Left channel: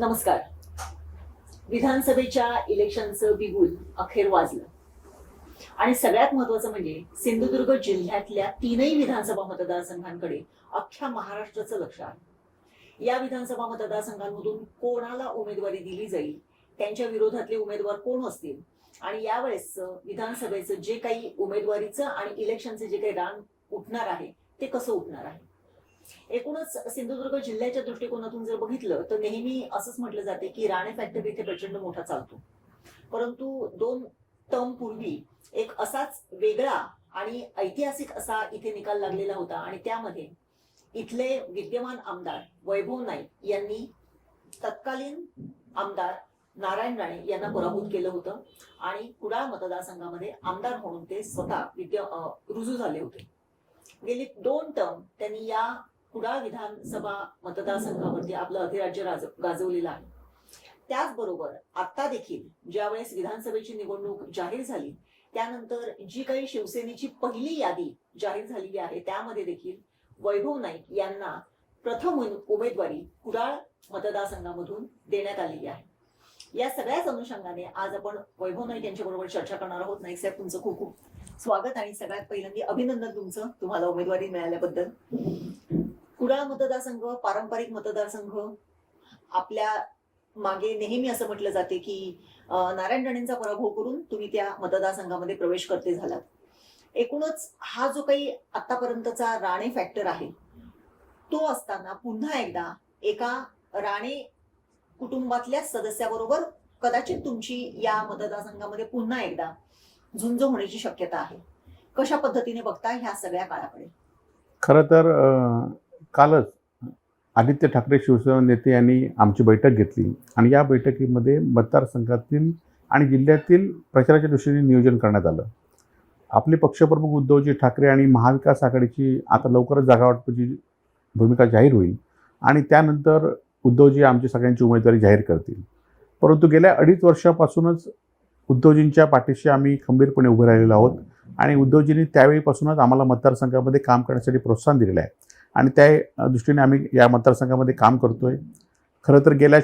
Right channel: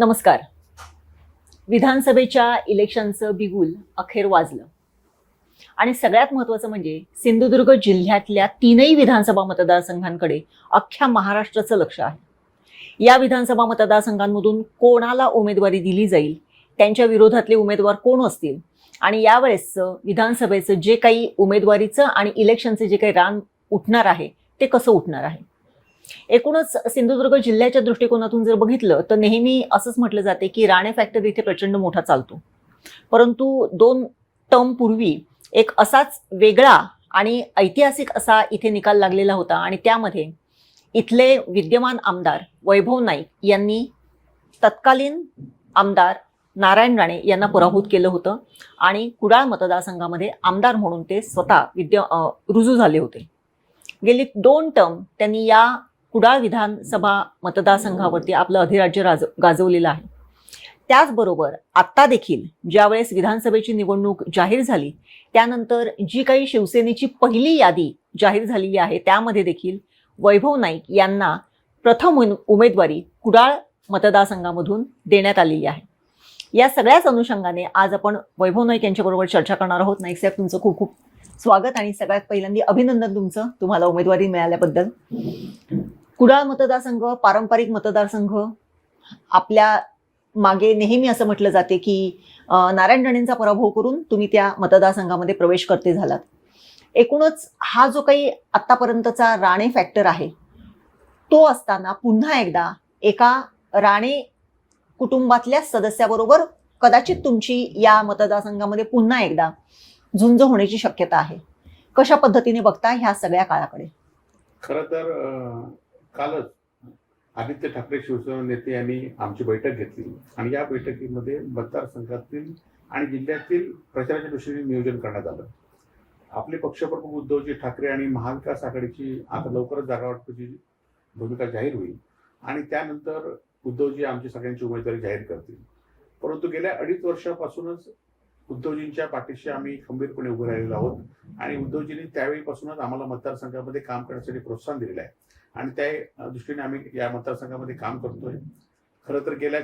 नमस्कार. विधानसभेच्या इलेक्शनचं बिगुल अखेर वाजलं आणि सगळ्यात महत्त्वाचं म्हणजे सिंधुदुर्ग जिल्ह्यातल्या तीनही विधानसभा मतदारसंघांकडे अख्ख्या महाराष्ट्राचं लक्ष आहे. या विधानसभा मतदारसंघांमधून कोणाला उमेदवारी दिली जाईल, त्यांच्या विरोधातले उमेदवार कोण असतील आणि यावेळेसचं विधानसभेचं जे काही उमेदवारीचं आणि इलेक्शनचे जे काही रान उठणार आहे ते कसं उठणार आहे. एकूणच सिंधुदुर्ग जिल्ह्याच्या दृष्टिकोनातून जर बघितलं तर नेहमी असंच म्हटलं जाते की राणे फॅक्टर इथे प्रचंड मोठा चालतो. परंतु 2 टर्म पूर्वी एक असाच वेगळा आणि ऐतिहासिक असा इथे निकाल लागलेला होता आणि त्यामध्ये इथले विद्यमान आमदार वैभव नाईक यांनी तत्कालीन आमदार नारायण राणे यांना पराभूत केलं होतं आणि कुडाळ मतदारसंघामध्ये आमदार म्हणून ते स्वतः रुजू झाले होते. गेली 2 टर्म त्यांनी या कुडाळ विधानसभा मतदारसंघावरती आपलं अधिराज्य गाजवलेलं आहे. त्याचबरोबर आत्ता देखील ज्यावेळेस विधानसभेची निवडणूक जाहीर झाली त्यानंतर जी काही शिवसेनेची पहिली यादी जाहीर झालेली आहे त्यामध्ये देखील वैभव नाईक यांना प्रथम उमेदवारी कुडाळ मतदारसंघामधून देण्यात आलेली आहे. या सगळ्याच अनुषंगाने आज आपण वैभव नाईक यांच्याबरोबर चर्चा करणार आहोत. नाईक साहेब, तुमचं खूप खूप स्वागत आणि सगळ्यात पहिल्यांदा अभिनंदन तुम्हाला उमेदवारी मिळाल्याबद्दल. कुडाळ मतदारसंघ पारंपरिक मतदारसंघ, आपल्या मागे नेहमी असं म्हटलं जाते की नारायण राणेंचा पराभव करून तुम्ही त्या मतदारसंघामध्ये प्रवेश करते झालात. एकूणच हा जो काही आतापर्यंतचा राणे फॅक्टर आहे तो असताना पुन्हा एकदा एका राणे कुटुंबातल्या सदस्याबरोबर कदाचित तुमची या मतदारसंघामध्ये पुन्हा एकदा झुंज होण्याची शक्यता आहे. कशा पद्धतीने बघता ह्या सगळ्या काळाकडे? खरं तर कालच आदित्य ठाकरे शिवसेना नेते यांनी आमची बैठक घेतली आणि या बैठकीमध्ये मतदारसंघातील आणि जिल्ह्यातील प्रचाराच्या दृष्टीने नियोजन करण्यात आलं. आपले पक्षप्रमुख उद्धवजी ठाकरे आणि महाविकास आघाडीची आता लवकरच जागावाटपाची भूमिका जाहीर होईल आणि त्यानंतर उद्धवजी आमची सगळ्यांची उमेदवारी जाहीर करतील. परंतु गेल्या 2.5 वर्षापासूनच उद्धवजींच्या पाठीशी आम्ही खंबीरपणे उभे राहिलेलो आहोत आणि उद्धवजींनी त्यावेळीपासूनच आम्हाला मतदारसंघामध्ये काम करण्यासाठी प्रोत्साहन दिलेलं आहे आणि त्या दृष्टीने आम्ही या मतदारसंघामध्ये काम करतोय. खरं तर गेल्या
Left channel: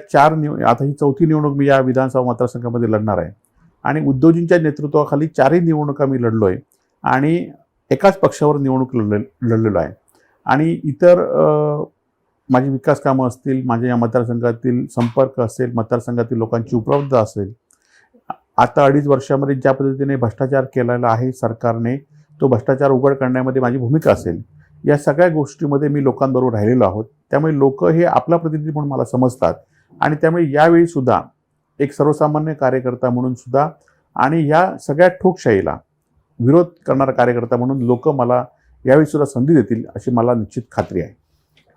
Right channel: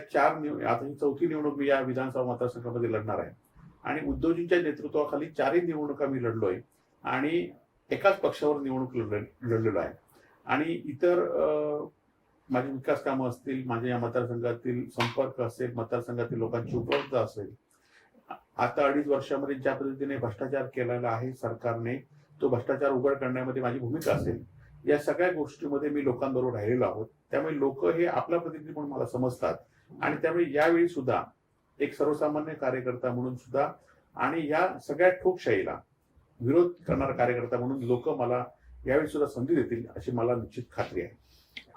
आता ही 4थी निवडणूक मी या विधानसभा मतदारसंघामध्ये लढणार आहे आणि उद्धवजींच्या नेतृत्वाखाली 4ही निवडणुका मी लढलो आहे आणि एकाच पक्षावर निवडणूक लढलेलो आहे आणि इतर माझी विकास कामं असतील, माझ्या या मतदारसंघातील संपर्क असेल, मतदारसंघातील लोकांची उपलब्धता असेल. आता 2.5 वर्षामध्ये ज्या पद्धतीने भ्रष्टाचार केलेला आहे सरकारने, तो भ्रष्टाचार उघड करण्यामध्ये माझी भूमिका असेल. या सगळ्या गोष्टीमध्ये मी लोकांबरोबर राहिलेलो आहोत. त्यामुळे लोक हे आपला प्रतिनिधी म्हणून मला समजतात आणि त्यामुळे यावेळी सुद्धा एक सर्वसामान्य कार्यकर्ता म्हणून सुद्धा आणि या सगळ्या ठोकशाहीला विरोध करणारा कार्यकर्ता म्हणून लोक मला यावेळी सुद्धा संधी देतील अशी मला निश्चित खात्री आहे.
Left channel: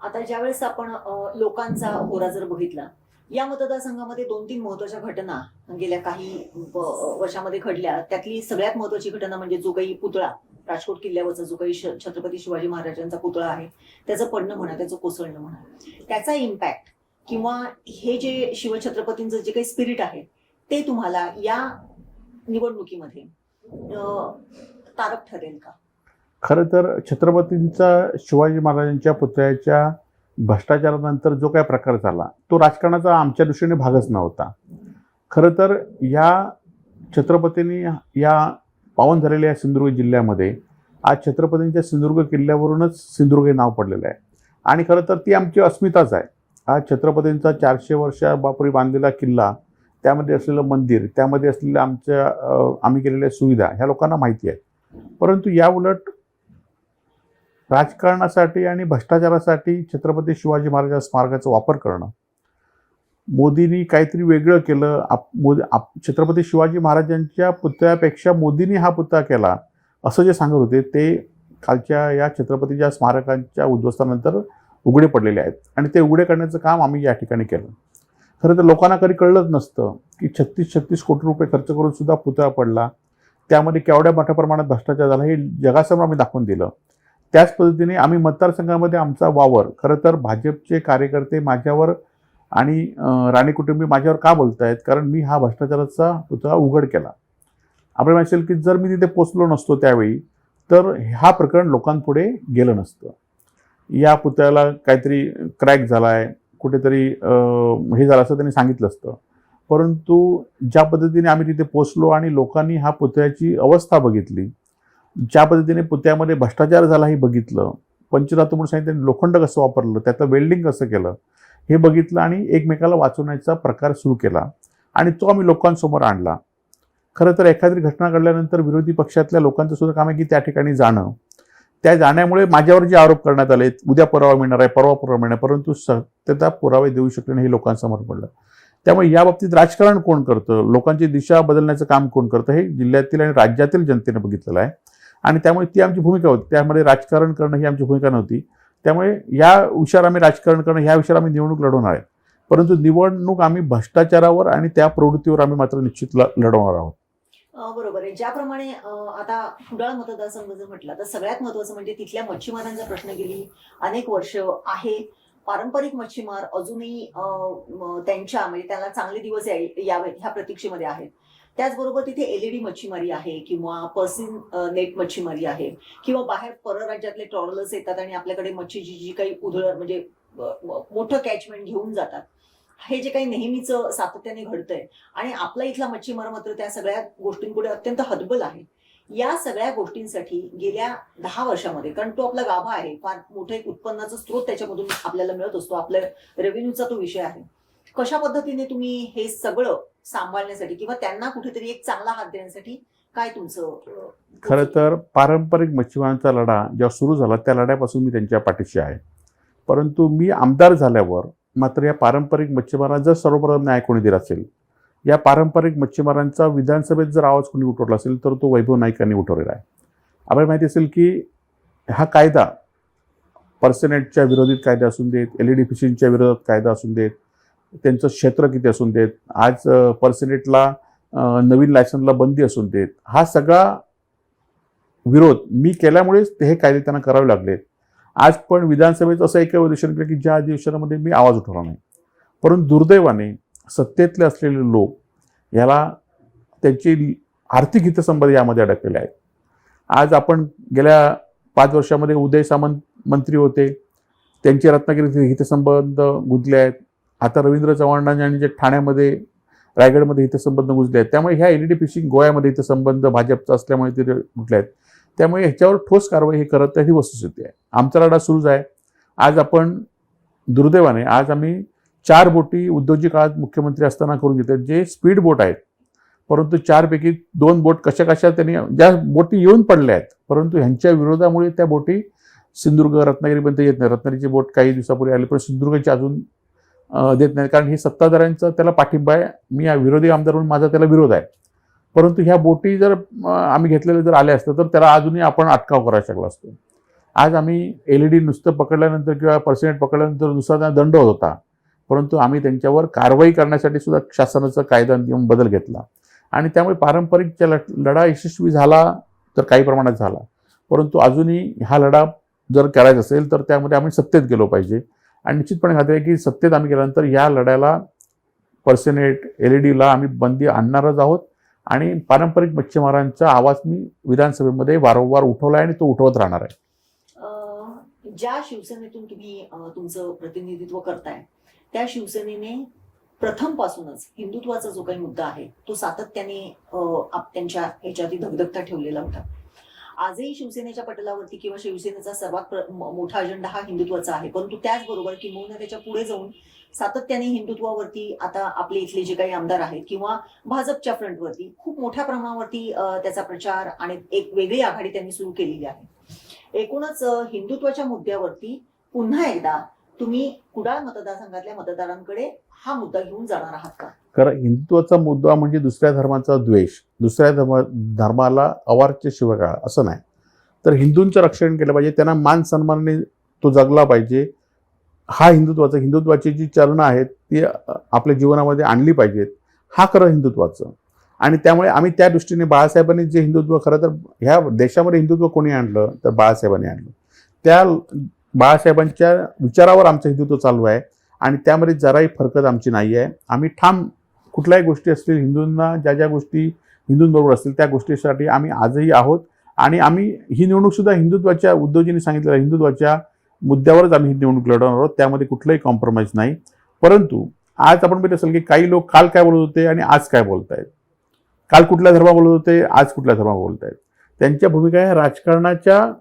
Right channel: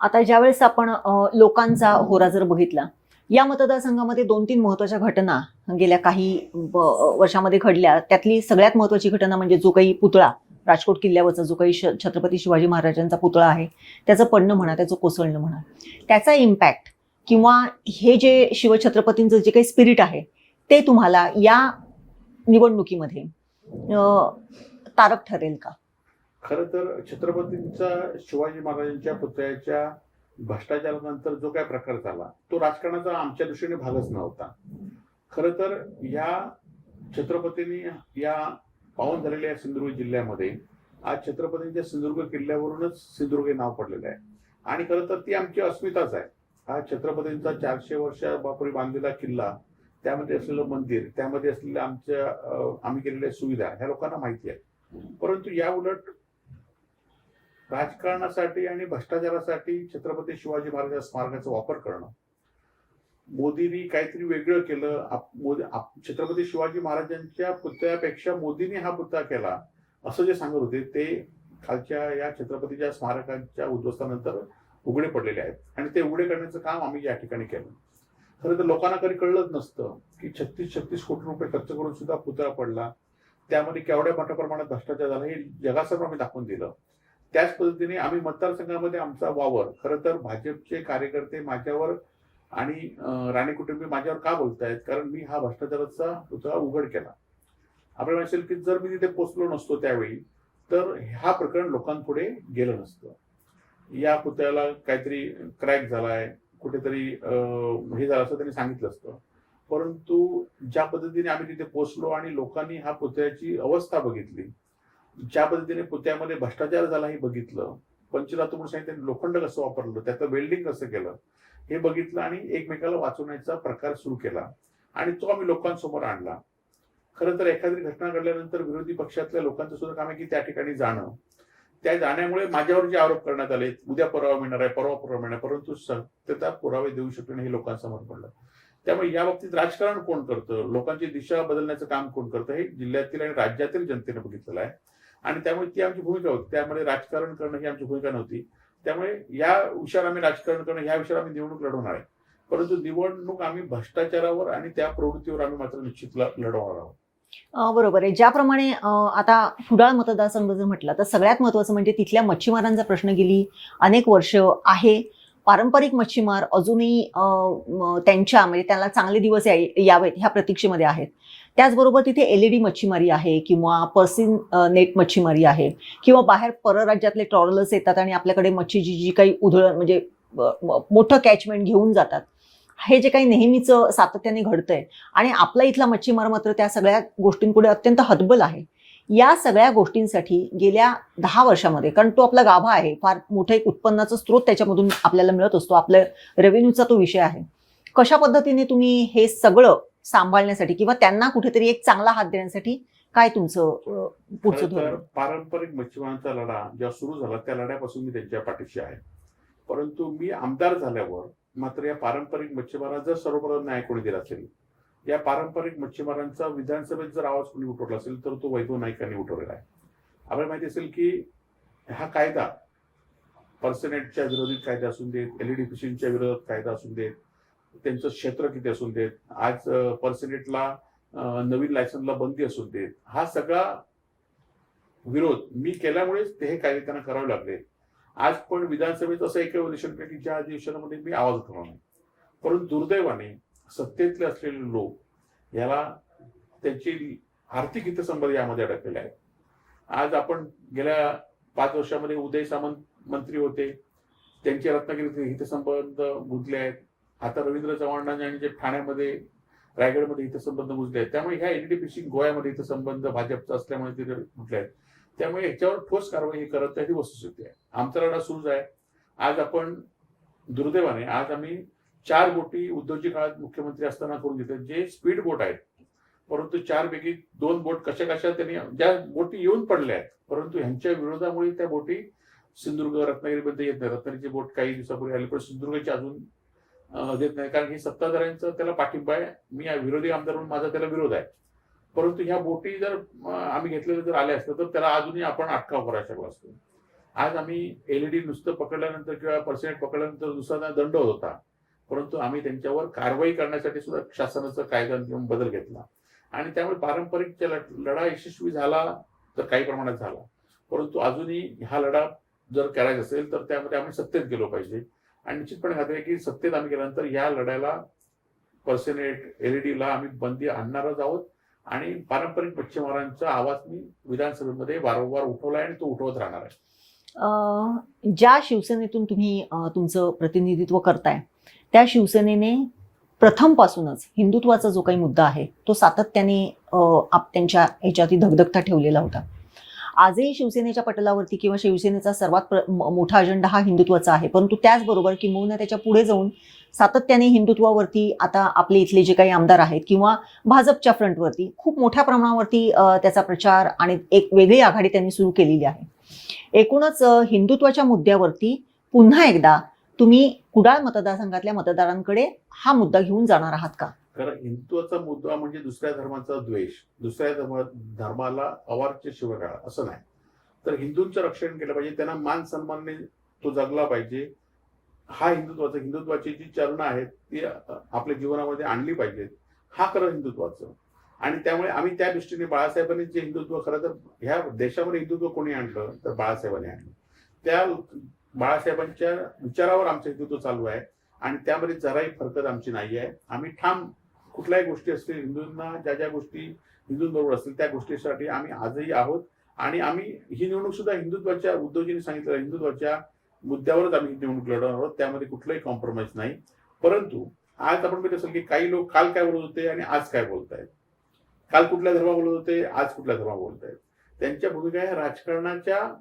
आता ज्यावेळेस आपण लोकांचा होरा जर बघितला, या मतदारसंघामध्ये 2-3 महत्त्वाच्या घटना गेल्या काही वर्षामध्ये घडल्या. त्यातली सगळ्यात महत्त्वाची घटना म्हणजे जो काही पुतळा, राजकोट किल्ल्यावरचा जो काही छत्रपती शिवाजी महाराजांचा पुतळा आहे त्याचं पडणं म्हणा, त्याचं कोसळणं म्हणा, त्याचा इम्पॅक्ट किंवा हे जे शिवछत्रपतींचं जे काही स्पिरिट आहे ते तुम्हाला या निवडणुकीमध्ये तारक ठरेल का? खरं तर छत्रपतींचा शिवाजी महाराजांच्या पुतळ्याच्या भ्रष्टाचारानंतर जो काही प्रकार झाला तो राजकारणाचा आमच्या दृष्टीने भागच नव्हता. खरं तर या छत्रपतींनी या पावन झालेल्या सिंधुदुर्ग जिल्ह्यामध्ये आज छत्रपतींच्या सिंधुदुर्ग किल्ल्यावरूनच सिंधुदुर्ग हे नाव पडलेलं आहे आणि खरं तर ती आमची अस्मिताच आहे. हा छत्रपतींचा 400 वर्षापूर्वी बांधलेला किल्ला, त्यामध्ये असलेलं मंदिर, त्यामध्ये असलेल्या आम्ही केलेल्या सुविधा ह्या लोकांना माहिती आहे. परंतु या उलट राजकारणासाठी आणि भ्रष्टाचारासाठी छत्रपती शिवाजी महाराज स्मारकाचा वापर करणं, मोदींनी काहीतरी वेगळं केलं. छत्रपती शिवाजी महाराजांच्या पुतळ्यापेक्षा मोदींनी हा पुतळा केला असं जे सांगत होते ते खालच्या या छत्रपतीच्या स्मारकांच्या उद्ध्वस्तानंतर उघडे पडलेले आहेत आणि ते उघडे करण्याचं काम आम्ही या ठिकाणी केलं. खरं तर लोकांना कधी कळलंच नसतं की 36 कोटी रुपये खर्च करून सुद्धा पुतळा पडला, त्यामध्ये केवढ्या मोठ्या प्रमाणात भ्रष्टाचार झाला हे जगासमोर आम्ही दाखवून दिलं. त्याच पद्धतीने आम्ही मतदारसंघामध्ये आमचा वावर, खरं तर भाजपचे कार्यकर्ते माझ्यावर आणि राणे कुटुंबी माझ्यावर का बोलत आहेत, कारण मी हा भ्रष्टाचाराचा पुतळा उघड केला. आपल्याला असेल की जर मी तिथे पोचलो नसतो त्यावेळी तर हा प्रकरण लोकांपुढे गेलं नसतं. या पुतळ्याला काहीतरी क्रॅक झाला आहे, कुठेतरी हे झालं असं त्यांनी सांगितलं असतं. परंतु ज्या पद्धतीने आम्ही तिथे पोचलो आणि लोकांनी हा पुतळ्याची अवस्था बघितली, ज्या पद्धतीने पुतळ्यामध्ये भ्रष्टाचार झाला हे बघितलं, पंचधातू म्हणून सांगितलं, लोखंड कसं वापरलं, त्याचं वेल्डिंग कसं केलं हे बघितलं आणि एकमेकाला वाचवण्याचा प्रकार सुरू केला आणि तो आम्ही लोकांसमोर आणला. खरं तर एखादी घटना घडल्यानंतर विरोधी पक्षातल्या लोकांचं सुद्धा काम आहे की त्या ठिकाणी जाणं. त्या जाण्यामुळे माझ्यावर जे आरोप करण्यात आले, उद्या पुरावा मिळणार आहे, परवा पुरावा मिळणार, परंतु सत्यता पुरावे देऊ शकले नाही हे लोकांसमोर पडलं. त्यामुळे या बाबतीत राजकारण कोण करतं, लोकांची दिशा बदलण्याचं काम कोण करतं हे जिल्ह्यातील आणि राज्यातील जनतेने बघितलेलं आहे आणि त्यामुळे ती आमची भूमिका होती. त्यामध्ये राजकारण करणं ही आमची भूमिका नव्हती. त्यामुळे या विषयावर आम्ही राजकारण करणं, ह्या विषयावर आम्ही निवडणूक लढवणार आहे. परंतु निवडणूक आम्ही भ्रष्टाचारावर आणि त्या प्रवृत्तीवर आम्ही मात्र निश्चित लढवणार आहोत. बरोबर आहे. ज्याप्रमाणे आता कुडाळ मतदारसंघ जर म्हटलं तर सगळ्यात महत्त्वाचं म्हणजे तिथल्या मच्छीमारांचा प्रश्न गेली अनेक वर्ष आहे. पारंपरिक मच्छीमार अजूनही त्यांच्या म्हणजे त्याला चांगले दिवस यावेत ह्या प्रतीक्षेमध्ये आहेत. त्याचबरोबर तिथे LED मच्छीमारी आहे किंवा पर्सिन नेट मच्छीमारी आहे किंवा बाहेर परराज्यातले ट्रॉलर्स येतात आणि आपल्याकडे मच्छीची जी काही उधळण म्हणजे मोठं कॅचमेंट घेऊन जातात. हे जे काही नेहमीचं सातत्याने घडतंय आणि आपला इथला मच्छीमार मात्र त्या सगळ्या गोष्टींपुढे अत्यंत हतबल आहे. या सगळ्या गोष्टींसाठी गेल्या 10 वर्षामध्ये, कारण तो आपला गाभा आहे, फार मोठं एक उत्पन्नाचा स्रोत त्याच्यामधून आपल्याला मिळत असतो, आपल्या रेव्हेन्यूचा तो विषय आहे. कशा पद्धतीने तुम्ही हे सगळं सांभाळण्यासाठी किंवा त्यांना कुठेतरी एक चांगला हात देण्यासाठी काय तुमचं खरं तर पारंपरिक मच्छीमारांचा लढा जेव्हा सुरू झाला त्या लढ्यापासून मी त्यांच्या पाठीशी आहे. परंतु मी आमदार झाल्यावर मात्र या पारंपरिक मच्छीमारांना जर सर्वप्रथम न्याय कोणी दिला असेल, या पारंपरिक मच्छीमारांचा विधानसभेत जर आवाज कोणी उठवला असेल तर तो वैभव नाईकांनी उठवलेला आहे. आपल्याला माहिती असेल की हा कायदा पर्सनेटच्या विरोधित कायदा असून देत, LED फिशिंगच्या विरोधात कायदा असून देत, त्यांचं क्षेत्र किती असून देत, आज पर्सनेटला नवीन लायसन्सला बंदी असून देत, हा सगळा विरोध मी केल्यामुळेच हे कायदे त्यांना करावे लागले. आज पण विधानसभेत असं एक अधिवेशन केलं की ज्या अधिवेशनामध्ये मी आवाज उठवला नाही. परंतु दुर्दैवाने सत्तेतले असलेले लोक याला त्यांची आर्थिक हितसंबंध यामध्ये अडकलेले आहेत. आज आपण गेल्या 5 वर्षामध्ये उदय सामंत मंत्री होते, त्यांचे रत्नागिरीचे हितसंबंध गुंतले आहेत. आता रवींद्र चव्हाणांनी जे ठाण्यामध्ये रायगडमध्ये हितसंबंध गुंतले आहेत. त्यामुळे ह्या LED फिशिंग गोव्यामध्ये हितसंबंध भाजपचा असल्यामुळे ते गुंतले आहेत. त्यामुळे ह्याच्यावर ठोस कारवाई हे करत ही वस्तुस्थिती आहे. आमचा लढा सुरूच आहे. आज आपण दुर्दैवाने आज आम्ही 4 बोटी उद्धवजी काळात मुख्यमंत्री असताना करून घेतल्या, जे स्पीड बोट आहेत. परंतु 4 पैकी 2 बोट कशा त्यांनी ज्या बोटी येऊन पडल्या आहेत, परंतु ह्यांच्या विरोधामुळे त्या बोटी सिंधुदुर्ग रत्नागिरीपर्यंत येत नाही. रत्नागिरीची बोट काही दिवसापूर्वी आली पण सिंधुदुर्गची अजून देत नाही, कारण हे सत्ताधाऱ्यांचा त्याला पाठिंबा आहे. मी या विरोधी आमदार म्हणून माझा त्याला विरोध आहे. परंतु ह्या बोटी जर आम्ही घेतलेल्या जर आल्या असतं तर त्याला अजूनही आपण अटकाव करायला शकलो असतो. आज आम्ही LED नुसतं पकडल्यानंतर किंवा पर्सेंट पकडल्यानंतर दुसरा दंड होत होता, परंतु आम्ही त्यांच्यावर कारवाई करण्यासाठी सुद्धा शासनाचा कायदा नियम बदल घेतला आणि त्यामुळे पारंपरिकच्या लढा यशस्वी झाला तर काही प्रमाणात झाला. परंतु अजूनही हा लढा जर करायचा असेल तर त्यामध्ये आम्ही सत्तेत गेलो पाहिजे आणि निश्चितपणे खात्री आहे की सत्तेत आम्ही गेल्यानंतर या लढ्याला पर्सेनेट LEDला आम्ही बंदी आणणारच आहोत आणि पारंपरिक मच्छीमारांचा आवाज मी विधानसभेमध्ये वारंवार उठवला आहे आणि तो उठवत राहणार आहे. ज्या शिवसेनेतून तुम्ही तुमचं प्रतिनिधित्व करताय त्या शिवसेनेने प्रथमपासूनच हिंदुत्वाचा जो काही मुद्दा आहे तो सातत्याने त्यांच्या ह्याच्यात धगधगता ठेवलेला होता. आजही शिवसेनेच्या पटलावरती किंवा शिवसेनेचा सर्वात मोठा अजेंडा हा हिंदुत्वाचा आहे, परंतु त्याचबरोबर किंबहुना त्याच्या पुढे जाऊन सातत्याने हिंदुत्वावरती आता आपले इथले जे काही आमदार आहेत किंवा भाजपच्या फ्रंटवरती खूप मोठ्या प्रमाणावरती त्याचा प्रचार आणि एक वेगळी आघाडी त्यांनी सुरू केलेली आहे. एकूणच हिंदुत्वाच्या मुद्द्यावरती पुन्हा एकदा तुम्ही कुडाळ मतदारसंघातल्या मतदारांकडे हा मुद्दा घेऊन जाणार आहात का? कारण हिंदुत्वाचा मुद्दा म्हणजे दुसऱ्या धर्माचा द्वेष, दुसऱ्या धर्माला अवाच्य शिवीगाळ असं नाही. तर हिंदूंचं रक्षण केलं पाहिजे, त्यांना मान सन्मानाने तो जगला पाहिजे. हा हिंदुत्वाची जी चरणं आहेत ती आपल्या जीवनामध्ये आणली पाहिजेत. हा खरं हिंदुत्वाचं. आणि त्यामुळे आम्ही त्या दृष्टीने बाळासाहेबांनी जे हिंदुत्व खरं तर ह्या देशामध्ये हिंदुत्व कोणी आणलं तर बाळासाहेबांनी आणलं. त्या बाळासाहेबांच्या विचारावर आमचं हिंदुत्व चालू आहे आणि त्यामध्ये जराही फरकत आमची नाही आहे. आम्ही ठाम कुठल्याही गोष्टी असतील हिंदूंना ज्या गोष्टी हिंदूंबरोबर असतील त्या गोष्टीसाठी आम्ही आजही आहोत आणि आम्ही ही निवडणूक सुद्धा हिंदुत्वाच्या उद्धवजींनी सांगितलेल्या हिंदुत्वाच्या मुद्द्यावरच आम्ही ही निवडणूक लढवणार आहोत, त्यामध्ये कुठलाही कॉम्प्रोमाइज नाही. परंतु आज आपण बघितलं असेल की काही लोक काल काय बोलत होते आणि आज काय बोलतायत, काल कुठल्या धर्मा बोलत होते, आज कुठल्या धर्मा बोलतायत. त्यांच्या भूमिका ह्या राजकारणाच्या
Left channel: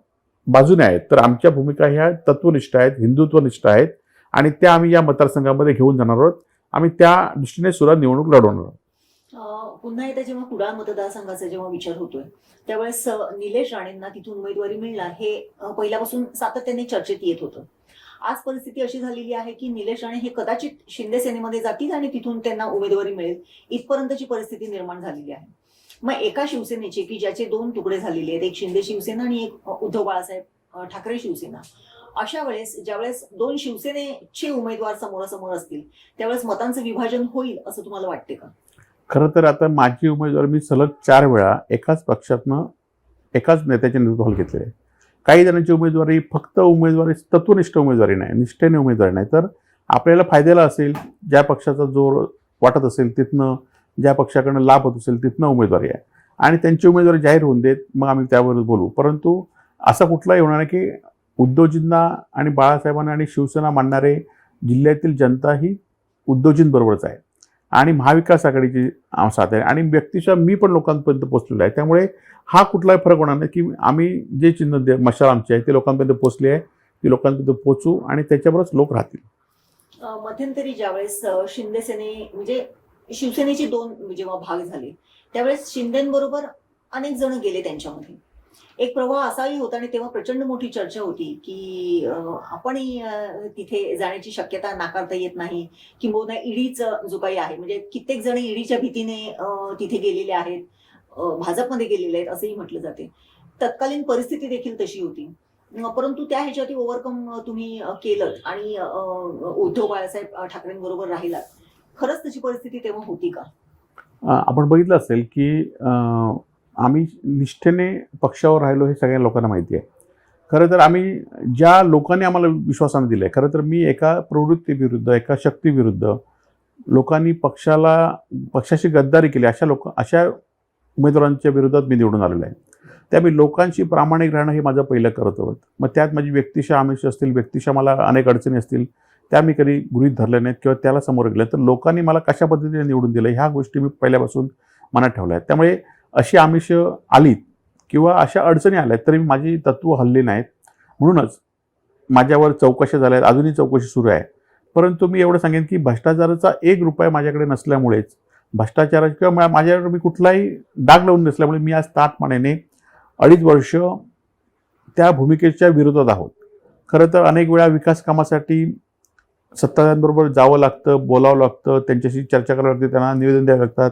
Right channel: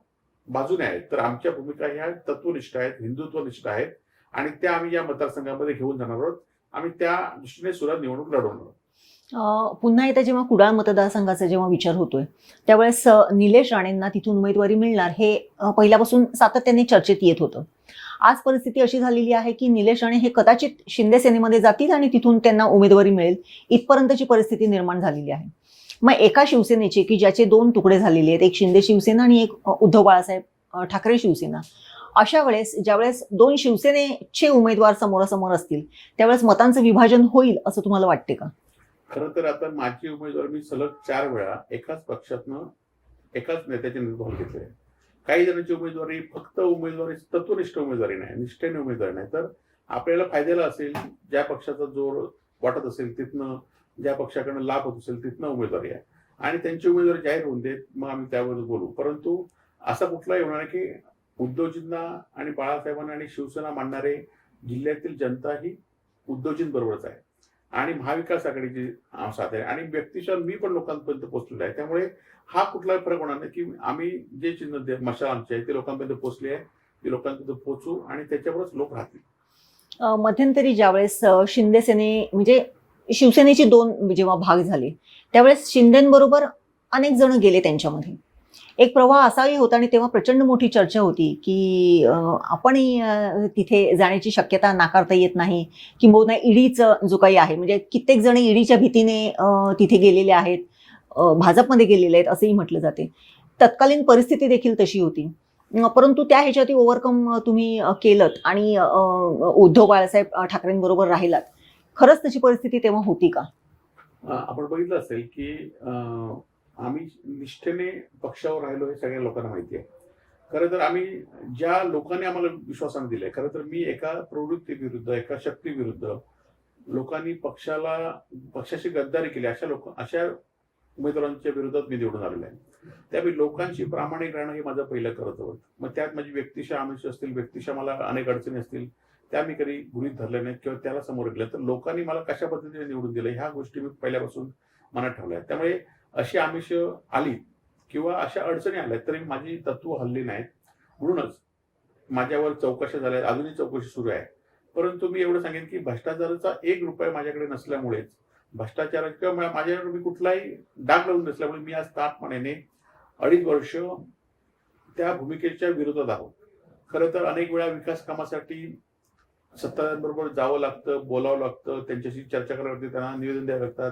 बाजूने आहेत, तर आमच्या भूमिका ह्या तत्वनिष्ठ आहेत, हिंदुत्वनिष्ठ आहेत आणि त्या आम्ही या मतदारसंघामध्ये घेऊन जाणार आहोत. आम्ही त्या दृष्टीने सुद्धा निवडणूक लढवणार आहोत. पुन्हा एकदा जेव्हा कुडाळ मतदारसंघाचा जेव्हा विचार होतोय त्यावेळेस निलेश राणेंना तिथून उमेदवारी मिळणार हे पहिल्यापासून सातत्याने चर्चेत येत होतं. आज परिस्थिती अशी झालेली आहे की निलेश राणे हे कदाचित शिंदे सेनेमध्ये जातील आणि तिथून त्यांना उमेदवारी मिळेल इथपर्यंतची परिस्थिती निर्माण झालेली आहे. मग एका शिवसेनेचे की ज्याचे दोन तुकडे झालेले आहेत, एक शिंदे शिवसेना आणि एक उद्धव बाळासाहेब ठाकरे शिवसेना, अशा वेळेस ज्यावेळेस दोन शिवसेनेचे उमेदवार समोरासमोर असतील त्यावेळेस मतांचं विभाजन होईल असं तुम्हाला वाटते का? खरं तर आता माझी उमेदवार मी सलग 4 वेळा एकाच पक्षातनं एकाच नेत्याच्या नेतृत्वाखाली घेतलेली आहे. काही जणांची उमेदवारी फक्त उमेदवारी तत्वनिष्ठ उमेदवारी नाही, निष्ठेने उमेदवारी नाही, तर आपल्याला फायद्याला असेल, ज्या पक्षाचा जोर वाटत असेल तिथनं, ज्या पक्षाकडनं लाभ होत असेल तिथनं उमेदवारी आहे आणि त्यांची उमेदवारी जाहीर होऊन देत, मग आम्ही त्यावर बोलू. परंतु असा कुठलाही होणार नाही की उद्धवजींना आणि बाळासाहेबांना आणि शिवसेना मानणारे जिल्ह्यातील जनता ही उद्धवजींबरोबरच आहे आणि महाविकास आघाडीची साथ आहे आणि व्यक्तिशः मी पण लोकांपर्यंत पोहोचलेलो आहे. त्यामुळे हा कुठलाही फरक होणार नाही की आम्ही जे चिन्ह मशाल आमची आहे ते लोकांपर्यंत पोहोचली आहे, ती लोकांपर्यंत पोहोचू आणि त्याच्यावरच लोक राहतील. मध्यंतरी ज्यावेळेस शिंदे सेने म्हणजे शिवसेनेचे दोन जेव्हा भाग झाले त्यावेळेस शिंदेबरोबर अनेक जण गेले त्यांच्यामध्ये. एक प्रवाह असाही होता आणि तेव्हा प्रचंड मोठी चर्चा होती की आपणही तिथे जाण्याची शक्यता नाकारता येत नाही, किंबहुना ईडीचं जो काही आहे म्हणजे कित्येक जण ईडीच्या भीतीने तिथे गेलेले आहेत, भाजपमध्ये गेलेले आहेत असंही म्हटलं जाते. तत्कालीन परिस्थिती देखील तशी होती, परंतु त्या ह्याच्यात ओव्हरकम तुम्ही केलं आणि उद्धव बाळासाहेब ठाकरेंबरोबर राहिलात. खरंच तशी परिस्थिती तेव्हा होती का? आपण बघितलं असेल की आम्ही निष्ठेने पक्षावर राहिलो हे सगळ्या लोकांना माहिती आहे. खरं तर आम्ही ज्या लोकांनी आम्हाला विश्वासानं दिलं आहे, खरं तर मी एका प्रवृत्तीविरुद्ध, एका शक्तीविरुद्ध लोकांनी पक्षाशी गद्दारी केली अशा उमेदवारांच्या विरोधात मी निवडून आलेलो आहे. त्यामुळे लोकांशी प्रामाणिक राहणं हे माझं पहिलं कर्तव्य होतं. मग त्यात माझी व्यक्तिशः आमिष असतील, व्यक्तिशः मला अनेक अडचणी असतील, त्या मी कधी गृहीत धरल्या नाहीत किंवा त्याला समोर गेल्या. तर लोकांनी मला कशा पद्धतीने निवडून दिलं ह्या गोष्टी मी पहिल्यापासून मनात ठेवल्या आहेत. त्यामुळे अशी आमिष आलीत किंवा अशा अडचणी आल्यात तरी माझी तत्त्व हल्ली नाहीत. म्हणूनच माझ्यावर चौकशा झाल्या आहेत, अजूनही चौकशी सुरू आहे. परंतु मी एवढं सांगेन की भ्रष्टाचाराचा ₹1 माझ्याकडे नसल्यामुळेच, भ्रष्टाचाराचा किंवा माझ्याकडे मी कुठलाही डाग लावून नसल्यामुळे मी आज ताठपणाने 2.5 वर्ष त्या भूमिकेच्या विरोधात आहोत. खरं तर अनेक वेळा विकास कामासाठी सत्ताधाऱ्यांबरोबर जावं लागतं, बोलावं लागतं, त्यांच्याशी चर्चा करावी लागते, त्यांना निवेदन द्यावं लागतात.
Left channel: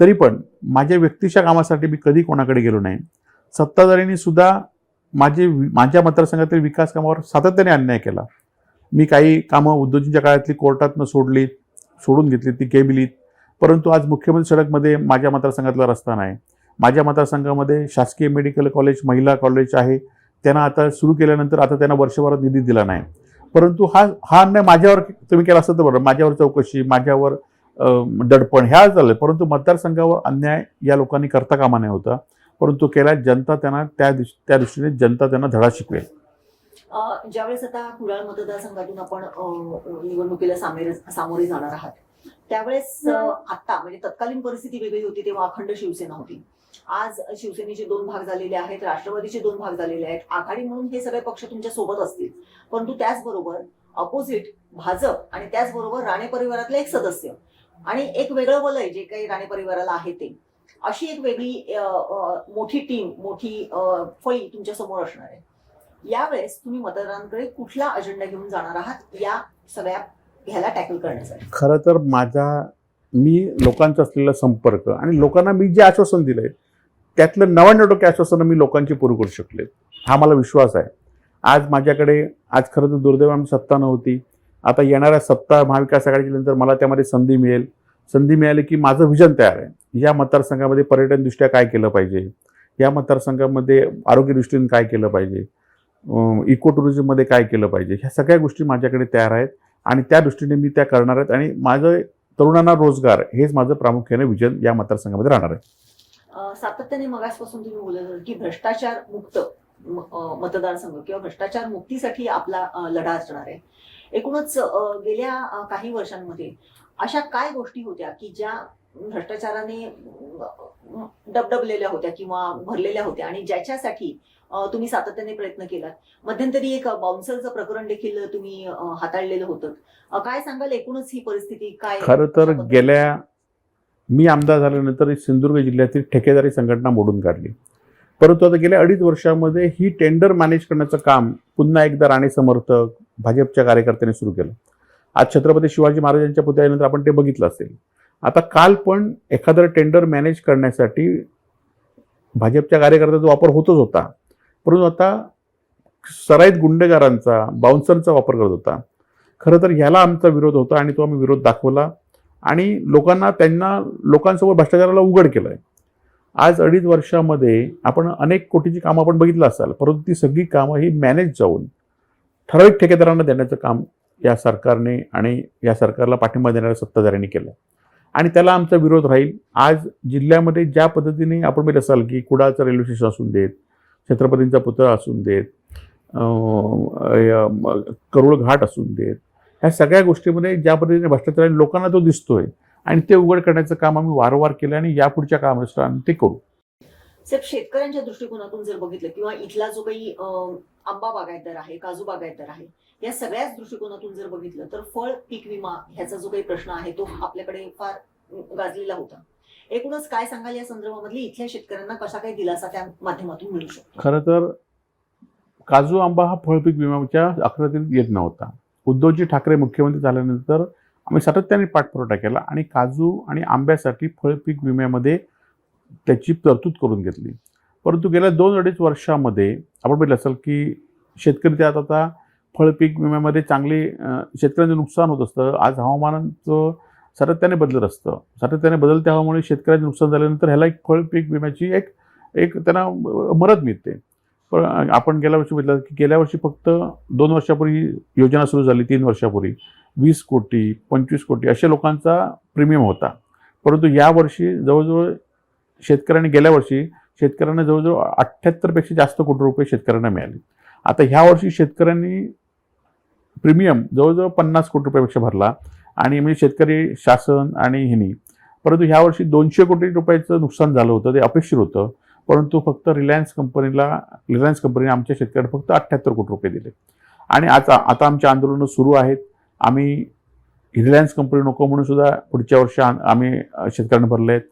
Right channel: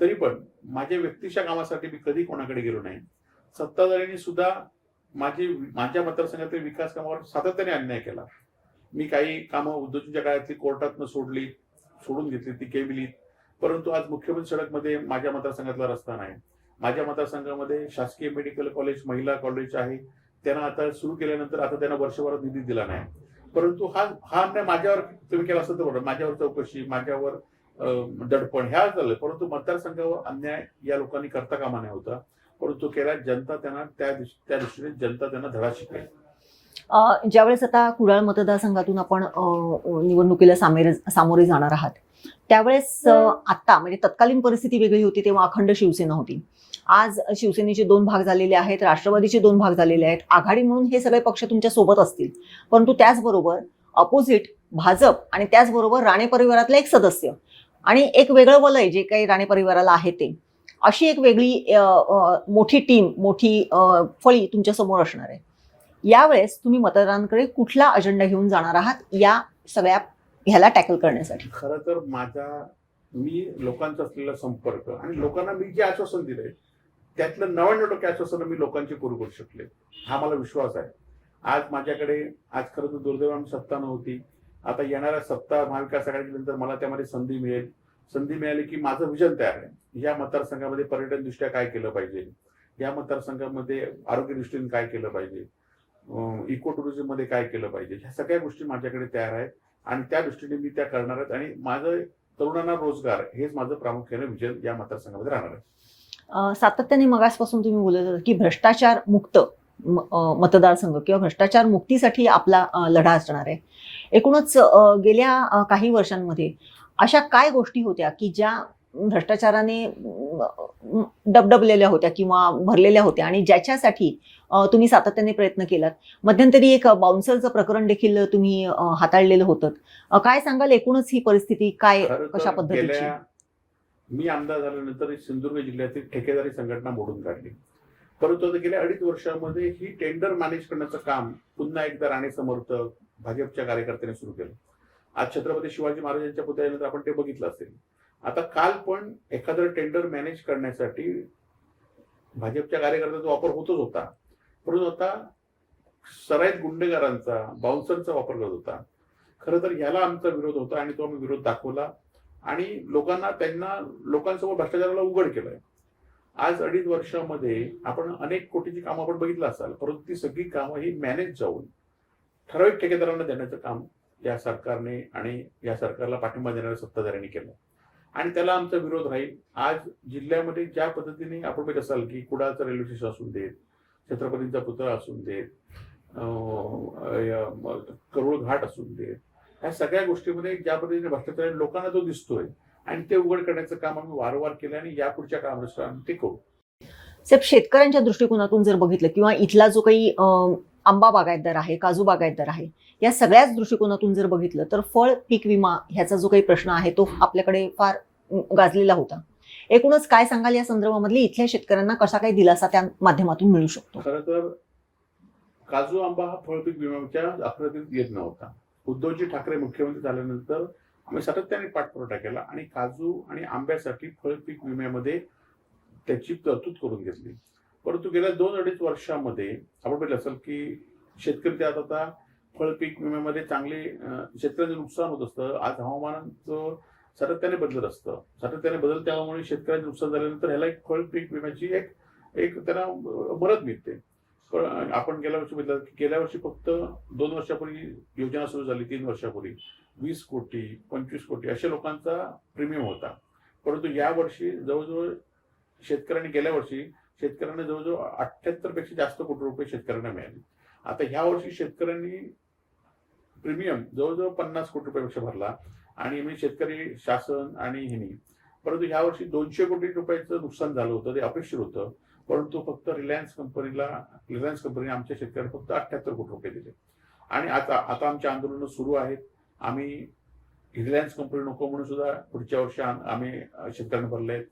तरी पण माझ्या व्यक्तिशा कामासाठी मी कधी कोणाकडे गेलो नाही. सत्ताधाऱ्यांनी सुद्धा माझ्या मतदारसंघातील विकास कामावर सातत्याने अन्याय केला. मी काही कामं उद्धवजींच्या काळातली कोर्टातनं सोडून घेतली, ती केलीत. परंतु आज मुख्यमंत्री सडकमध्ये माझ्या मतदारसंघातला रस्ता नाही. माझ्या मतदारसंघामध्ये शासकीय मेडिकल कॉलेज, महिला कॉलेज आहे, त्यांना आता सुरू केल्यानंतर आता त्यांना वर्षभरात निधी दिला नाही. परंतु हा अन्याय माझ्यावर तुम्ही केला असतं तर बरं, माझ्यावर चौकशी, माझ्यावर दडपण ह्या झालं. परंतु मतदारसंघावर अन्याय या लोकांनी करता कामा नये होता, परंतु केला. जनता त्यांना त्या दृष्टीने जनता त्यांना धडा शिकवेल. ज्यावेळेस आता कुडाळ मतदारसंघातून आपण निवडणुकीला सामोरे जाणार आहात त्यावेळेस आता म्हणजे तत्कालीन परिस्थिती वेगळी होती, तेव्हा अखंड शिवसेना होती. आज शिवसेनेचे 2 भाग झालेले आहेत, राष्ट्रवादीचे 2 भाग झालेले आहेत, आघाडी म्हणून हे सगळे पक्ष तुमच्या सोबत असतील. परंतु त्याचबरोबर अपोजिट भाजप आणि त्याचबरोबर राणे परिवारातले एक सदस्य आणि एक वेगळं वलय जे काही राणे परिवाराला आहे ते, अशी एक वेगळी मोठी टीम, मोठी फळी तुमच्या समोर असणार आहे. यावेळेस तुम्ही मतदारांकडे कुठला अजेंडा घेऊन जाणार आहात या सगळ्या ह्याला टॅकल करण्यासाठी? खरं तर मी लोकांचा असलेला संपर्क आणि लोकांना मी जे आश्वासन दिलंय त्यातलं 99% आश्वासनं मी लोकांची पूर्ण करू शकले, हा मला विश्वास आहे. आज खरं तर दुर्दैवाने सत्ता नव्हती. आता येणाऱ्या सत्ता महाविकास आघाडीनंतर मला त्यामध्ये संधी मिळेल. संधी मिळाली की माझं विजन तयार आहे. या मतदारसंघामध्ये पर्यटनदृष्ट्या काय केलं पाहिजे, या मतदारसंघामध्ये आरोग्यदृष्टीने काय केलं पाहिजे, इको टुरिझममध्ये काय केलं पाहिजे, ह्या सगळ्या गोष्टी माझ्याकडे तयार आहेत आणि त्या दृष्टीने मी त्या करणार आहेत. आणि माझं तरुणांना रोजगार हेच माझं प्रामुख्याने विजन या मतदारसंघामध्ये राहणार आहे. सातत्याने मगासपासून तुम्ही बोलत होता की भ्रष्टाचार मुक्त मतदारसंघ किंवा भ्रष्टाचार मुक्तीसाठी आपला लढा असणार आहे. एकूणच गेल्या काही वर्षांमध्ये अशा काय गोष्टी होत्या की ज्या भ्रष्टाचाराने डबडबलेल्या होत्या किंवा भरलेल्या होत्या आणि ज्याच्यासाठी तुम्ही सातत्याने प्रयत्न केलात? मध्यंतरी एक बाउन्सरचं प्रकरण देखील तुम्ही हाताळलेलं होतं. काय सांगाल एकूणच ही परिस्थिती काय? खरं कशा तर पद्धतीची? मी आमदार झाल्यानंतर सिंधुदुर्ग जिल्ह्यातील ठेकेदारी संघटना मोडून काढली. परंतु आता गेल्या 2.5 वर्षामध्ये ही टेंडर मॅनेज करण्याचं काम पुन्हा एकदा राणे समर्थक भाजपच्या कार्यकर्त्यांनी सुरू केलं. आज छत्रपती शिवाजी महाराजांच्या पुतळ्यानंतर आपण ते बघितलं असेल. आता काल पण एखादं टेंडर मॅनेज करण्यासाठी भाजपच्या कार्यकर्त्याचा वापर होतच होता, परंतु आता सराईत गुंडेगारांचा बाउन्सरचा वापर करत होता. खरं तर ह्याला आमचा विरोध होता आणि तो आम्ही विरोध दाखवला आणि लोकांसमोर भ्रष्टाचाराला उघड केलंय. आज 2.5 वर्षामध्ये आपण अनेक कोटीची कामं आपण बघितलं असाल, परंतु ती सगळी कामं ही मॅनेज जाऊन ठराविक ठेकेदारांना देण्याचं काम या सरकारने आणि या सरकारला पाठिंबा देणाऱ्या सत्ताधाऱ्यांनी केलं आणि त्याला आमचा विरोध राहील. आज जिल्ह्यामध्ये ज्या पद्धतीने आपण बघितलं असाल की कुडाळचं रेल्वे स्टेशन असून देत, छत्रपतींचा पुतळा असून देत, करुळ घाट असून देत, ह्या सगळ्या गोष्टीमध्ये ज्या पद्धतीने भ्रष्टाचार लोकांना तो दिसतोय आणि ते उघड करण्याचं काम आम्ही वारंवार केलं आणि यापुढच्या कामात आम्ही ते करू. साहेब, शेतकऱ्यांच्या दृष्टिकोनातून जर बघितलं किंवा इथला जो काही आंबा बागायतदार आहे, काजू बागायतदार आहे, या सगळ्याच दृष्टिकोनातून जर बघितलं तर फळ पीक विमा ह्याचा जो काही प्रश्न आहे तो आपल्याकडे फार गाजलेला होता. एकूणच काय सांगाल या संदर्भामधली इथल्या शेतकऱ्यांना कसा काही दिलासा त्या माध्यमातून मिळू शकतो? खरं तर काजू आंबा हा फळपीक विम्याच्या आकृतीत येत नव्हता. उद्धवजी ठाकरे मुख्यमंत्री झाल्यानंतर आम्ही सातत्याने पाठपुरावा केला आणि काजू आणि आंब्यासाठी फळपीक विम्यामध्ये त्याची तरतूद करून घेतली. परंतु गेल्या 2-2.5 वर्षामध्ये आपण बघितलं असेल की शेतकरी त्यात आता फळपीक विम्यामध्ये चांगली शेतकऱ्यांचं नुकसान होत असतं. आज हवामानाचं सातत्याने बदलत असतं. सातत्याने बदलत्या हवामानामुळे शेतकऱ्यांचं नुकसान झाल्यानंतर ह्याला एक फळपीक विम्याची एक त्यांना मदत मिळते. पण आपण गेल्या वर्षी बघितलं की गेल्या वर्षी फक्त 2 वर्षापूर्वी योजना सुरू झाली, 3 वर्षापूर्वी 20 कोटी 25 कोटी अशा लोकांचा प्रीमियम होता. परंतु यावर्षी जवळजवळ गेल्या वर्षी शेतकऱ्यांना जवळजवळ 78 पेक्षा जास्त कोटी रुपये शेतकऱ्यांना मिळाले. आता ह्या वर्षी शेतकऱ्यांनी प्रीमियम जवळजवळ 50 कोटी रुपयापेक्षा भरला आणि म्हणजे शेतकरी शासन आणि ह्यांनी. परंतु ह्या वर्षी 200 कोटी रुपयाचं नुकसान झालं होतं, ते अपेक्षित होतं. परंतु फक्त रिलायन्स कंपनीने आमच्या शेतकऱ्यांना फक्त 78 कोटी रुपये दिले आणि आता आमची आंदोलनं सुरू आहेत. आम्ही रिलायन्स कंपनी नको म्हणून सुद्धा पुढच्या वर्षी आम्ही शेतकऱ्यांना भरले आहेत.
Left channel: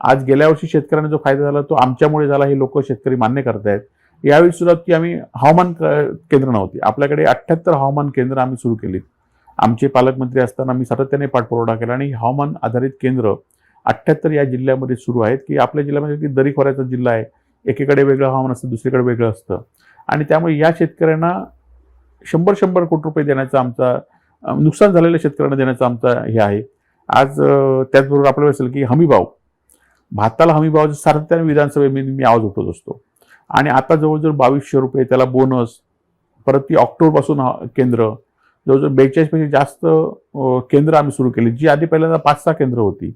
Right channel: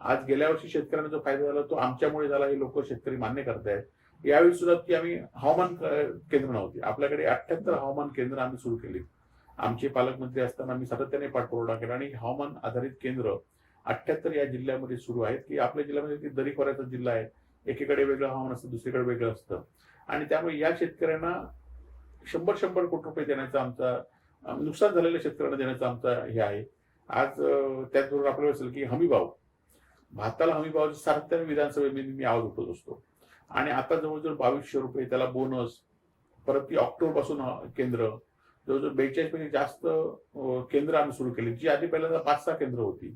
आज गेल्या वर्षी शेतकऱ्यांना जो फायदा झाला तो आमच्यामुळे झाला, हे लोक शेतकरी मान्य करत आहेत. यावेळी सुद्धा की आम्ही हवामान केंद्र नव्हती, आपल्याकडे 78 हवामान केंद्र आम्ही सुरू केली. आमचे पालकमंत्री असताना आम्ही सातत्याने पाठपुरावा केला आणि हवामान आधारित केंद्र 78 या जिल्ह्यामध्ये सुरू आहेत की आपल्या जिल्ह्यामध्ये दरी खोऱ्याचा जिल्हा आहे, एकीकडे वेगळं हवामान असतं, दुसरीकडे वेगळं असतं आणि त्यामुळे या शेतकऱ्यांना 100 कोटी रुपये देण्याचा आमचा नुकसान झालेल्या शेतकऱ्यांना देण्याचा आमचा हे आहे. आज त्याचबरोबर आपल्याला असेल की हमीभाव, भाताला हमीभावाचं सातत्याने विधानसभेमध्ये मी आवाज उठवत असतो आणि आता जवळजवळ 2200 रुपये त्याला बोनस. परत ती ऑक्टोबरपासून केंद्र जवळजवळ 42 पेक्षा जास्त केंद्र आम्ही सुरू केली, जी आधी पहिल्यांदा 5-6 केंद्र होती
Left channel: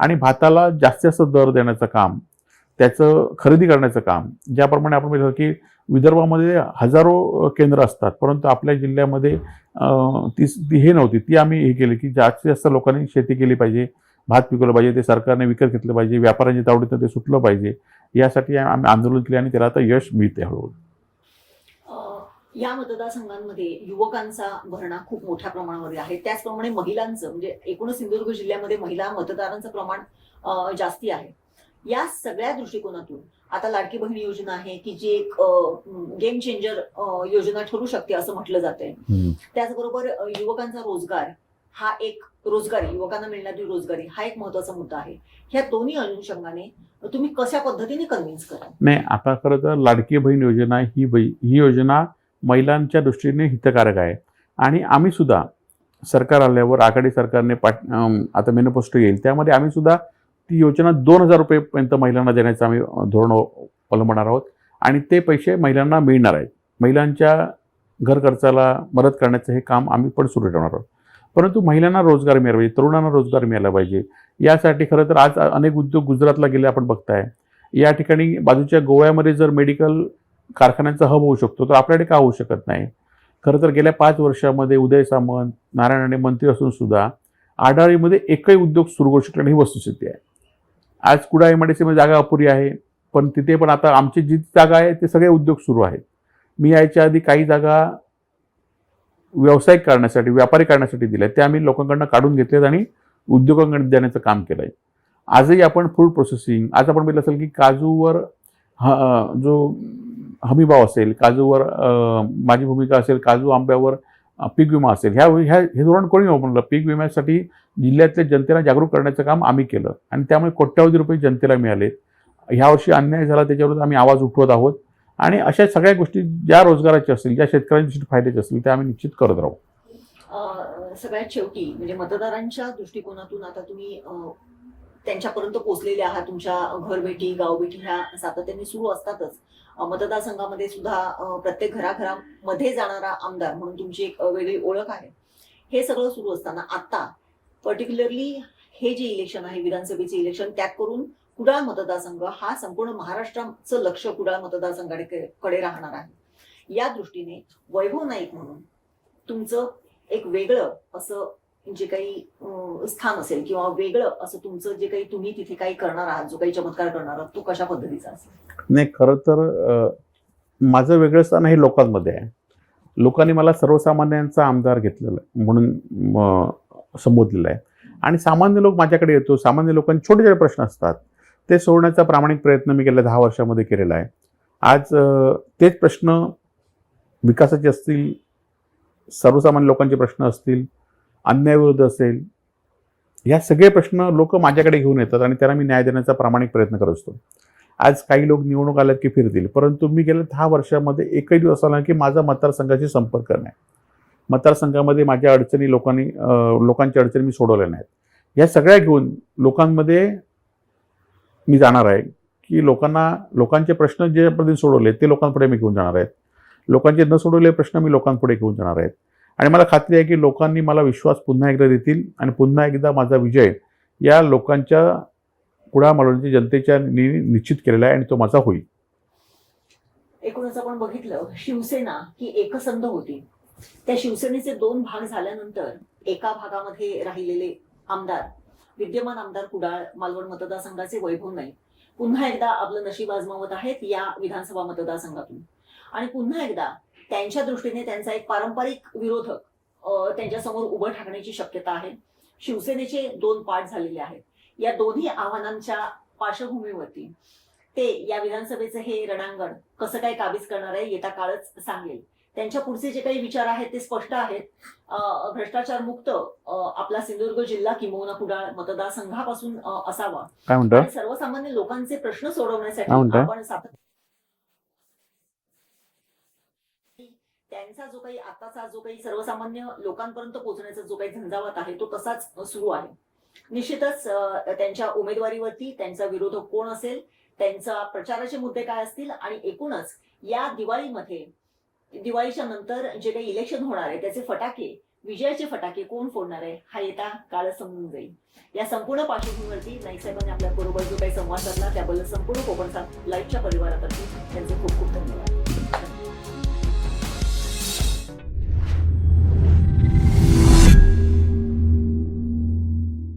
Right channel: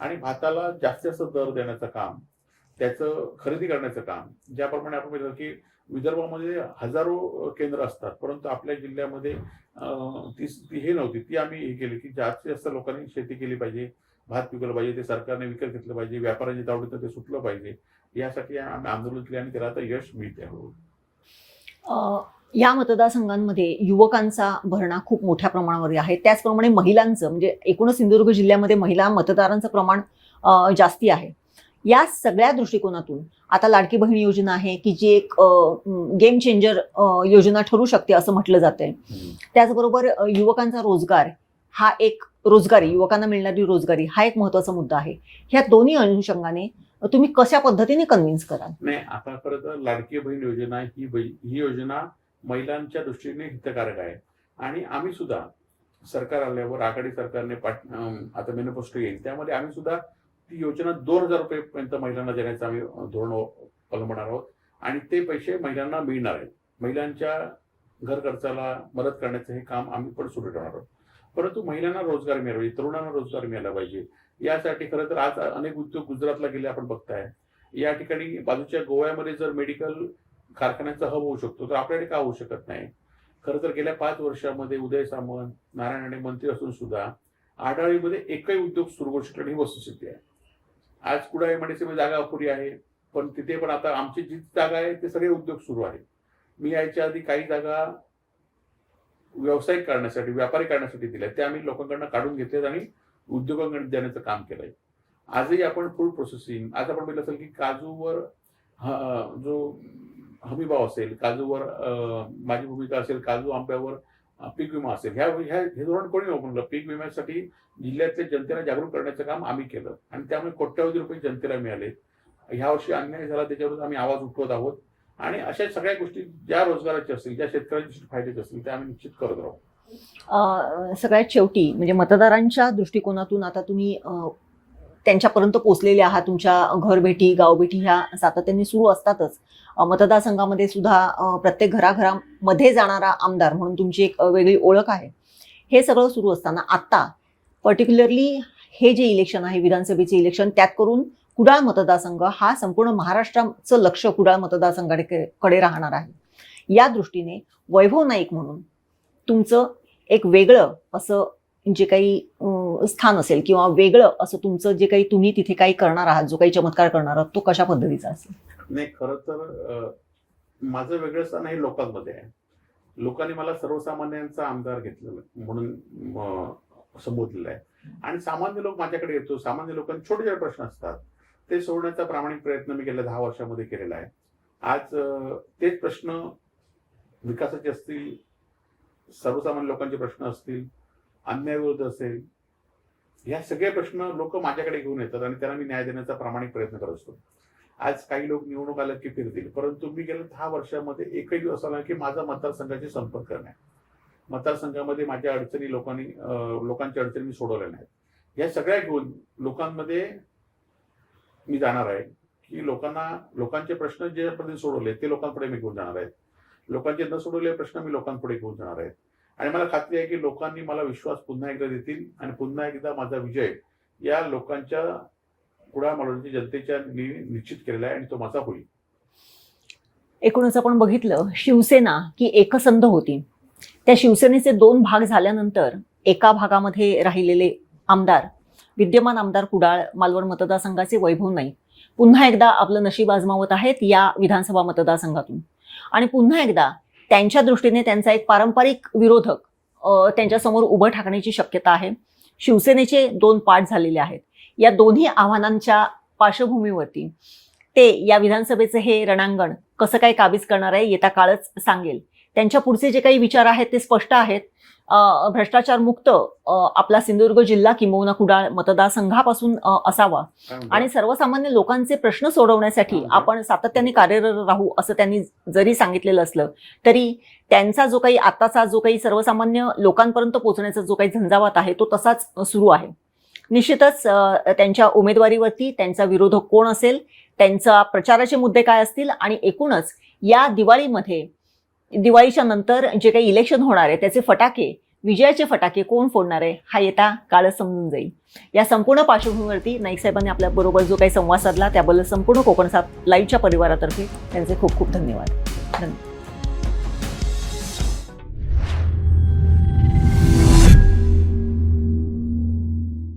आणि भाताला जास्तीत जास्त दर देण्याचं काम, त्याचं खरेदी करण्याचं काम. ज्याप्रमाणे आपण बघितलं की विदर्भामध्ये हजारो केंद्र असतात, परंतु आपल्या जिल्ह्यामध्ये ती हे नव्हती, ती आम्ही हे केली की जास्तीत जास्त लोकांनी शेती केली पाहिजे, भात पिकवलं पाहिजे, ते सरकारने विकत घेतलं पाहिजे, व्यापाऱ्यांच्या तावडीतून ते सुटलं पाहिजे. यासाठी आम्ही आंदोलन केले आणि त्याला आता यश मिळते हळूहळू. या मतदारसंघांमध्ये युवकांचा भरणा खूप मोठ्या प्रमाणावर आहे, त्याचप्रमाणे महिलांचं, म्हणजे एकूणच सिंधुदुर्ग जिल्ह्यामध्ये महिला मतदारांचं प्रमाण जास्ती आहे. या सगळ्या दृष्टिकोनातून आता लाडकी बहीण योजना आहे की जी एक गेम चेंजर योजना ठरू शकते असं म्हटलं जातंय. त्याचबरोबर युवकांचा रोजगार हा एक युवकांना मिळणारी रोजगारी हा एक महत्वाचा मुद्दा आहे. ह्या दोन्ही अनुषंगाने तुम्ही कशा पद्धतीने कन्व्हिन्स कराल? नाही, आता खरं तर लाडकी बहीण योजना ही योजना महिलांच्या दृष्टीने हितकारक आहे आणि आम्ही सुद्धा सरकार आल्यावर आघाडी सरकारने आता मॅनिफेस्टो येईल, त्यामध्ये आम्ही सुद्धा ती योजना 2000 रुपयेपर्यंत महिलांना देण्याचं आम्ही धोरण अवलंबणार आहोत आणि ते पैसे महिलांना मिळणार आहेत. महिलांच्या घर खर्चाला मदत करण्याचं हे काम आम्ही पण सुरू ठेवणार आहोत. परंतु महिलांना रोजगार मिळाला पाहिजे, तरुणांना रोजगार मिळाला पाहिजे. यासाठी खरं तर आज अनेक उद्योग गुजरातला गेले आपण बघताय. या ठिकाणी बाजूच्या गोव्यामध्ये जर मेडिकल कारखान्यांचा हब होऊ शकतो, तर आपल्याकडे का होऊ शकत नाही? खरं तर गेल्या 5 वर्षामध्ये उदय सामंत, नारायण राणे मंत्री असून सुद्धा आडाळीमध्ये एकही उद्योग सुरू करू शकला नाही, ही वस्तुस्थिती आहे. आज कुडाळ एमआयडीसीमध्ये जागा अपुरी आहे, पण तिथे पण आता आमची जी जागा आहे ते सगळे उद्योग सुरू आहेत. मी यायच्या आधी काही जागा व्यावसायिक करण्यासाठी, व्यापारी करण्यासाठी दिल्या, त्या आम्ही लोकांकडून काढून घेतल्यात आणि उद्योगांकडे देण्याचं काम केलं आहे. आजही आपण फूड प्रोसेसिंग, आज आपण बघितलं असेल की काजूवर जो हमीभाव असेल, काजूवर माझी भूमिका असेल, काजू आंब्यावर पीक विमा असेल, हे धोरण कोणी वापरलं? पीक विम्यासाठी जिल्ह्यातल्या जनतेला जागरूक करण्याचं काम आम्ही केलं आणि त्यामुळे कोट्यावधी रुपये जनतेला मिळाले. ह्यावर्षी अन्याय झाला त्याच्यावर आम्ही आवाज उठवत आहोत आणि अशा सगळ्या गोष्टी ज्या रोजगाराच्या असतील, ज्या शेतकऱ्यांच्या फायद्याच्या असतील, त्या आम्ही निश्चित करत राहू. सगळ्यात शेवटी म्हणजे मतदारांच्या दृष्टिकोनातून आता तुम्ही त्यांच्यापर्यंत पोहोचलेले आहात. तुमच्या घरभेटी, गावभेटी ह्या सातत्याने सुरू असतातच. मतदारसंघामध्ये सुद्धा प्रत्येक घराघरामध्ये जाणारा आमदार म्हणून तुमची एक वेगळी ओळख आहे. हे सगळं सुरू असताना आता पर्टिक्युलरली हे जे इलेक्शन आहे, विधानसभेचे इलेक्शन, त्यात करून कुडाळ मतदारसंघ हा संपूर्ण महाराष्ट्राचं लक्ष कुडाळ मतदारसंघाकडे राहणार आहे. या दृष्टीने वैभव नाईक म्हणून तुमचं एक वेगळं असं जे काही स्थान असेल किंवा वेगळं असं तुमचं जे काही तुम्ही तिथे काही करणार आहात, जो काही चमत्कार करणार आहात, तो कशा पद्धतीचा असेल? नाही, खरं तर माझं वेगळं स्थान हे लोकांमध्ये आहे. लोकांनी मला सर्वसामान्यांचा आमदार घेतलेला म्हणून संबोधलेलं आहे आणि सामान्य लोक माझ्याकडे येतो. सामान्य लोकांचे छोटे छोटे प्रश्न असतात, ते सोडवण्याचा प्रामाणिक प्रयत्न मी गेल्या 10 वर्षामध्ये केलेला आहे. आज तेच प्रश्न विकासाचे असतील, सर्वसामान्य लोकांचे प्रश्न असतील, अन्यायविरुद्ध असेल, ह्या सगळे प्रश्न लोक माझ्याकडे घेऊन येतात आणि त्यांना मी न्याय देण्याचा प्रामाणिक प्रयत्न करत असतो. आज काही लोक निवडणूक आल्यात की फिरतील, परंतु मी गेल्या 10 वर्षामध्ये एकही दिवस आला की माझा मतदारसंघाशी संपर्क नाही. मतदारसंघामध्ये माझ्या अडचणी लोकांच्या अडचणी मी सोडवल्या नाहीत. या सगळ्या घेऊन लोकांमध्ये मी जाणार आहे की लोकांचे प्रश्न जे पद्धतीने सोडवले ते लोकांपुढे मी घेऊन जाणार आहेत. लोकांचे न सोडवलेले प्रश्न मी लोकांपुढे घेऊन जाणार आहेत आणि मला खात्री आहे की लोकांनी मला विश्वास पुन्हा एकदा देतील आणि पुन्हा एकदा माझा विजय या लोकांच्या कुडाळ मालवणच्या जनतेच्या निश्चित केलेला आहे आणि तो माझा होईल. एकूणच आपण बघितलं, शिवसेना की एकसंध होती. त्या शिवसेनेचे 2 भाग झाल्यानंतर एका भागामध्ये राहिलेले आमदार, विद्यमान आमदार कुडाळ मालवण मतदारसंघाचे वैभव नाईक पुन्हा एकदा आपलं नशीब आजमावत आहेत या विधानसभा मतदारसंघातून आणि पुन्हा एकदा त्यांच्या दृष्टीने त्यांचा एक पारंपरिक विरोधक त्यांच्यासमोर उभं ठाकण्याची शक्यता आहे. शिवसेनेचे 2 पाठ झालेले आहेत. या दोन्ही आव्हानांच्या पार्श्वभूमीवरती ते या विधानसभेचं हे रणांगण कसं काय काबीज करणार आहे येता काळच सांगेल. त्यांच्या पुढचे जे काही विचार आहेत ते स्पष्ट आहेत. भ्रष्टाचार मुक्त आपला सिंधुदुर्ग जिल्हा किंबहुना कुडाळ मतदारसंघापासून असावा आणि सर्वसामान्य लोकांचे प्रश्न सोडवण्यासाठी आपण सातत्याने कार्यरत राहू असं त्यांनी जरी सांगितलेलं असलं तरी त्यांचा जो काही आताचा जो काही सर्वसामान्य लोकांपर्यंत पोहोचण्याचा जो काही झंझावात आहे तो तसाच सुरू आहे. निश्चितच त्यांच्या उमेदवारीवरती त्यांचा विरोधक कोण असेल, त्यांचा प्रचाराचे मुद्दे काय असतील आणि एकूणच या दिवाळीच्या नंतर जे काही इलेक्शन होणार आहे त्याचे फटाके, विजयाचे फटाके कोण फोडणार आहे हा येता काळच समजून जाईल. या संपूर्ण पार्श्वभूमीवरती नाईक साहेबांनी आपल्या बरोबर जो काही संवाद साधला त्याबद्दल संपूर्ण कोकण 7 लाईव्हच्या परिवारातर्फे त्यांचे खूप खूप धन्यवाद.